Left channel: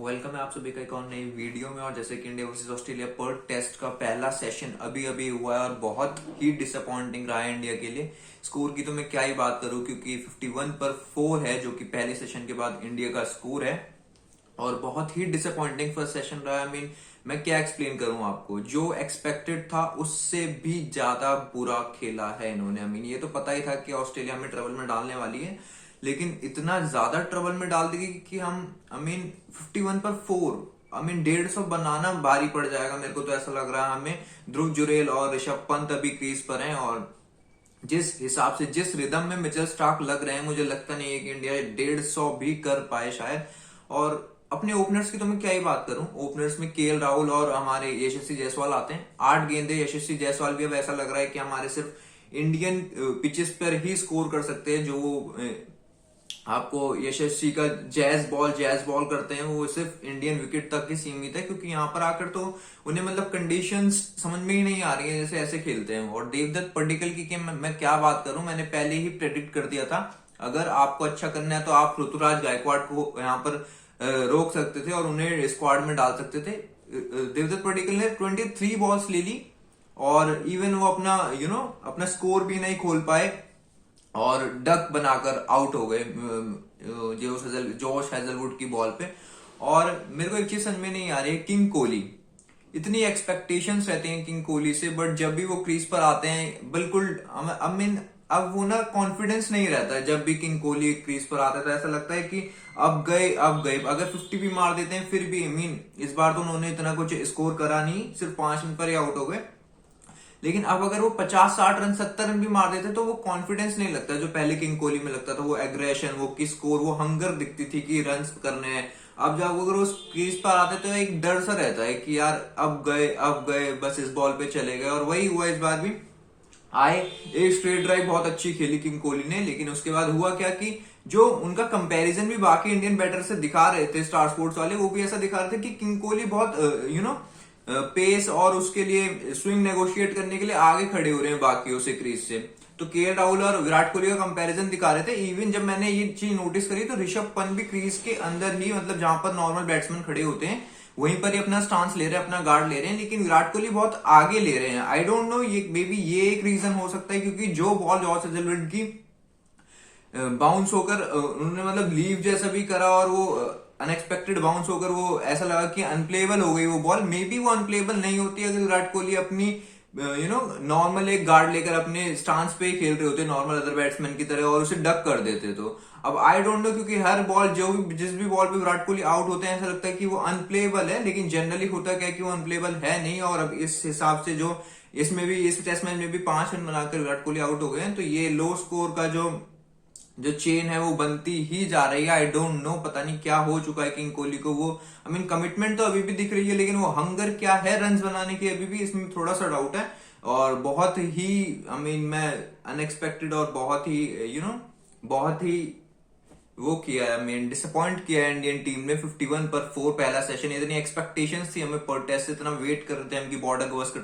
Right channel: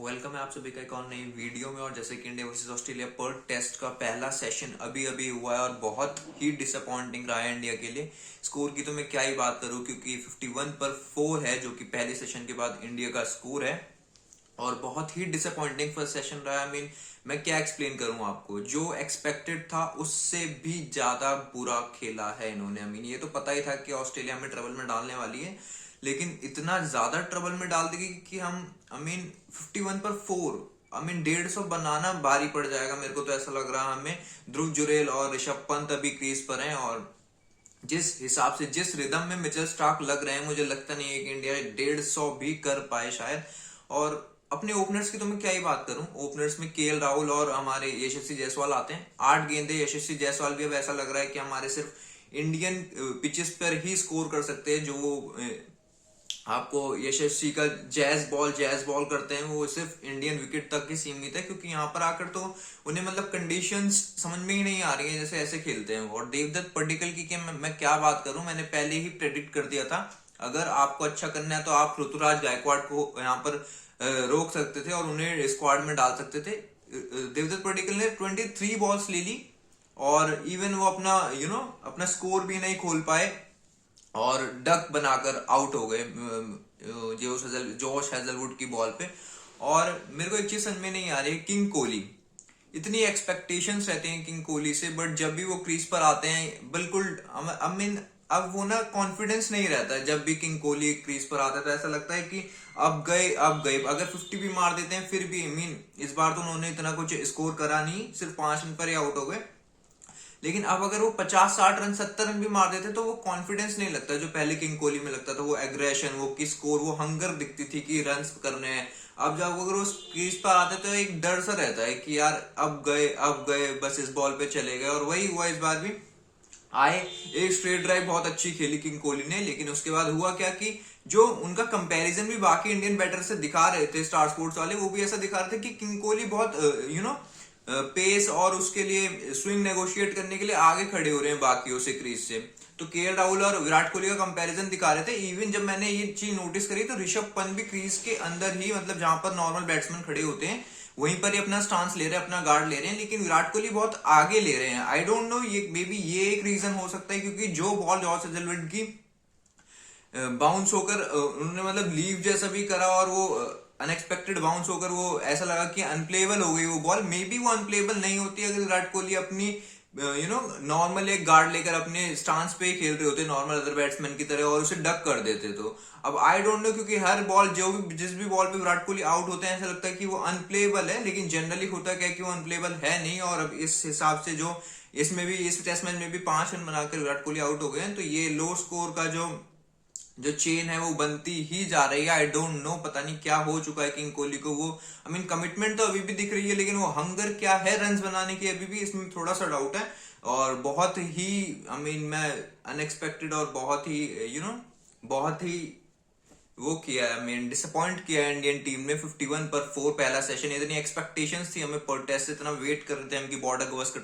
Welcome है आप सभी का एक और नई वीडियो में। और जैसे कि इंडिया वर्सेस ऑस्ट्रेलिया पर टेस्ट का पहला सेशन अभी अभी हुआ है और बहुत ही डिसअपॉइंटिंग रहा है इंडिया के लिए। स्कोर की तो मैं क्या ही बात करूं, क्योंकि 51 पर 4 है जो कि पहले सेशन के बाद इंडिया का स्कोर है और बहुत ही डिसअपॉइंटिंग फर्स्ट सेशन रहा है। मैं क्या एक्सप्लेन करूं आपको, जो एक्सपेक्टेड था उससे भी ज्यादा बुरा खेला है इन्होंने। ये तो पता ही था कि ऑस्ट्रेलिया में ट्रबल में डालने वाली है, लेकिन इतना ज्यादा ट्रबल में डाल देगी कि हम 51 पर 4 150 बनाना भारी पड़ जाएगा। मेरे को तो ऐसा लग रहा है हमें। ध्रुव जुरेल और ऋषभ पंत अभी क्रीज पर हैं और जिस हिसाब से जिस रिदम में मिचेल स्टार्क लग रहे हैं, मुझे लगता नहीं है कि इंडिया 150 भी कर पाए शायद। और अपने ओपनर्स की तो मैं क्या ही बात करूं। ओपनर्स में केएल राहुल और हमारे यशस्वी जायसवाल आते हैं। 8 गेंदे यशस्वी जायसवाल भी अब ऐसा लग रहा है कि हमारे सिर्फ इंडियन पिचेस पर ही स्कोर कर सकते हैं। जो आपको यशस्वी का जैज बॉल करते हैं वो सिर्फ इंडियन विकेट तक ही सीमित है, क्योंकि यहाँ पर आकर तो उन्हें मतलब कंडीशंस समझ में ही नहीं आ रही है जैसे ऐसे खेलते हैं। और देवदत्त पड्डीकल की मैं क्या बात करूं, मैंने पहले ही प्रेडिक्ट कर दिया था। अगर आपको अच्छा करना है तो आप ऋतुराज गायकवाड़ को यहाँ पर रोक सकते थे और उन्हें स्क्वाड में डाल सकते थे। देवदत्त पड्डीकल ने 23 बॉल्स ले ली और इवन वो अपना स्कोर भी नहीं खोल पाए और डक बनाकर आउट हो गए जोश हेजलवुड की बॉल पे। और मेरे को एक चीज समझ में नहीं आ रही है, किंग कोहली, इतनी एक्सपेक्टेशंस रहते हैं किंग कोहली से, बट जब भी वो क्रीज पर आते हैं बिल्कुल अब वो ना कॉन्फिडेंस नहीं रहता है। जब भी किंग कोहली क्रीज पर आता है तो ऐसा लगता है कि अब गए। अगर 50 भी मार देते हैं फिर भी इस बार तो उन्होंने इतना कुछ स्कोर करा नहीं, सिर्फ 5 रन पर ही आउट हो गए। लेकिन अब अगर वो 50-60 रन 70 रन भी मार देते तो वो कॉन्फिडेंस नहीं लगता जो पहले किंग कोहली में लगता था। वो एग्रेशन, वो की स्कोर, वो हंगर दिखती थी कि रन करने हैं। अब जब अगर वो क्रीज पर आते तो एक डर सा रहता है कि यार अब गए बस इस बॉल पे चले गए। और वही हुआ इस बार भी। आए एक स्ट्रेट ड्राइव बहुत अच्छी खेली किंग कोहली ने, लेकिन उसके बाद हुआ क्या कि जो उनका कंपैरिजन भी बाकी इंडियन बैटर से दिखा रहे थे स्टार स्पोर्ट्स वाले, वो भी ऐसा दिखा रहे थे कि किंग कोहली बहुत पेस और उसके लिए स्विंग नेगोशिएट करने के लिए आगे खड़े हो रहे हैं बाकियों से क्रीज से। तो केएल राहुल और विराट कोहली का कंपैरिजन दिखा रहे थे। इवन जब मैंने ये चीज नोटिस करी तो ऋषभ पंत भी क्रीज के अंदर ही, मतलब जहां पर नॉर्मल बैट्समैन खड़े होते हैं वहीं पर ही अपना स्टांस ले रहे हैं, अपना गार्ड ले रहे हैं, लेकिन विराट कोहली बहुत आगे ले रहे हैं। आई डोंट नो, ये मे बी ये एक रीजन हो सकता है, क्योंकि जो बॉल जॉस हेजलवुड की बाउंस होकर उन्होंने मतलब लीव जैसा भी करा और वो अनएक्सपेक्टेड बाउंस होकर वो ऐसा लगा कि अनप्लेबल हो गई वो बॉल। मे बी वो अनप्लेबल नहीं होती अगर विराट कोहली अपनी नॉर्मल एक गार्ड लेकर अपने स्टांस पे ही खेल रहे होते नॉर्मल अदर बैट्समैन की तरह और उसे डक कर देते। तो अब आई डोंट नो, क्योंकि हर बॉल जिस भी बॉल पे विराट कोहली आउट होते हैं ऐसा लगता है कि वो अनप्लेबल है, लेकिन जनरली होता क्या कि वो अनप्लेबल है नहीं। और अब इस हिसाब से जो इसमें भी इस टेस्ट मैच में भी 5 रन बनाकर विराट कोहली आउट हो गए हैं, तो ये लो स्कोर का जो चेन है वो बनती ही जा रही है। आई डोंट नो, पता नहीं क्या हो चुका है किंग कोहली को। वो कमिटमेंट तो अभी भी दिख रही है, लेकिन वो हंगर क्या है रन्स बनाने की अभी भी इसमें थोड़ा सा डाउट है। और बहुत ही मैं अनएक्सपेक्टेड और बहुत ही बहुत ही वो किया है, डिसअपॉइंट किया है इंडियन टीम ने। 51 पर 4 पहला सेशन, इतनी एक्सपेक्टेशंस थी हमें पर टेस्ट, इतना वेट कर रहे थे हम कि बॉर्डर गवस्कर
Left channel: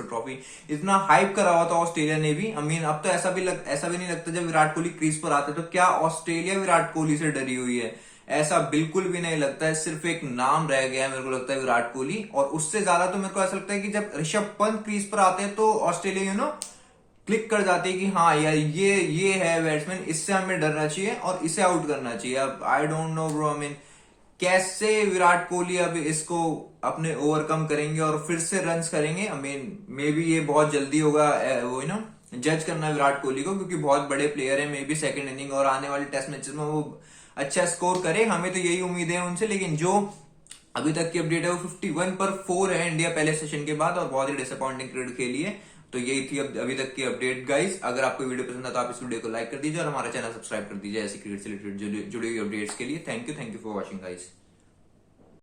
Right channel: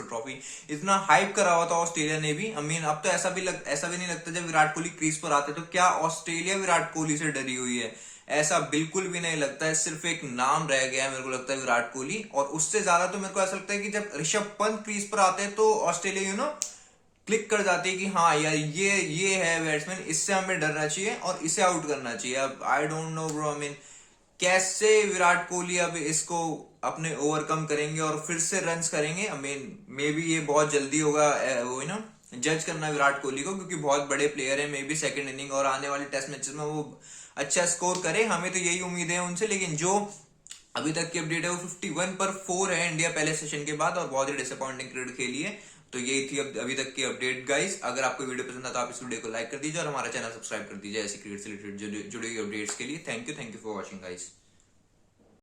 ट्रॉफी इतना हाइप करा हुआ था ऑस्ट्रेलिया ने भी। अब तो ऐसा भी नहीं लगता जब विराट कोहली क्रीज पर आते तो क्या ऑस्ट्रेलिया विराट कोहली से डरी हुई है, ऐसा बिल्कुल भी नहीं लगता है। सिर्फ एक नाम रह गया है मेरे को लगता है विराट कोहली। और उससे ज्यादा तो मेरे को ऐसा लगता है कि जब ऋषभ पंत क्रीज पर आते हैं तो ऑस्ट्रेलिया क्लिक कर जाती है कि हाँ यार ये है बैट्समैन, इससे हमें डरना चाहिए और इसे आउट करना चाहिए। अब आई डोंट नो ब्रो, कैसे विराट कोहली अब इसको अपने ओवरकम करेंगे और फिर से रन्स करेंगे। मे बी ये बहुत जल्दी होगा वो जज करना विराट कोहली को, क्योंकि बहुत बड़े प्लेयर है। मे बी सेकंड इनिंग और आने वाले टेस्ट मैचेस में वो अच्छा स्कोर करे, हमें तो यही उम्मीद है उनसे। लेकिन जो अभी तक की अपडेट है वो 51 पर 4 है इंडिया पहले सेशन के बाद, और बहुत ही डिसअपॉइंटिंग क्रिकेट खेली है। तो यही थी अभी तक की अपडेट गाइस। अगर आपको वीडियो पसंद है तो आप इस वीडियो को लाइक कर दीजिए और हमारा चैनल सब्सक्राइब कर दीजिए ऐसे क्रिकेट से रिलेटेड जुड़ी हुई अपडेट्स के लिए। Thank you for watching guys.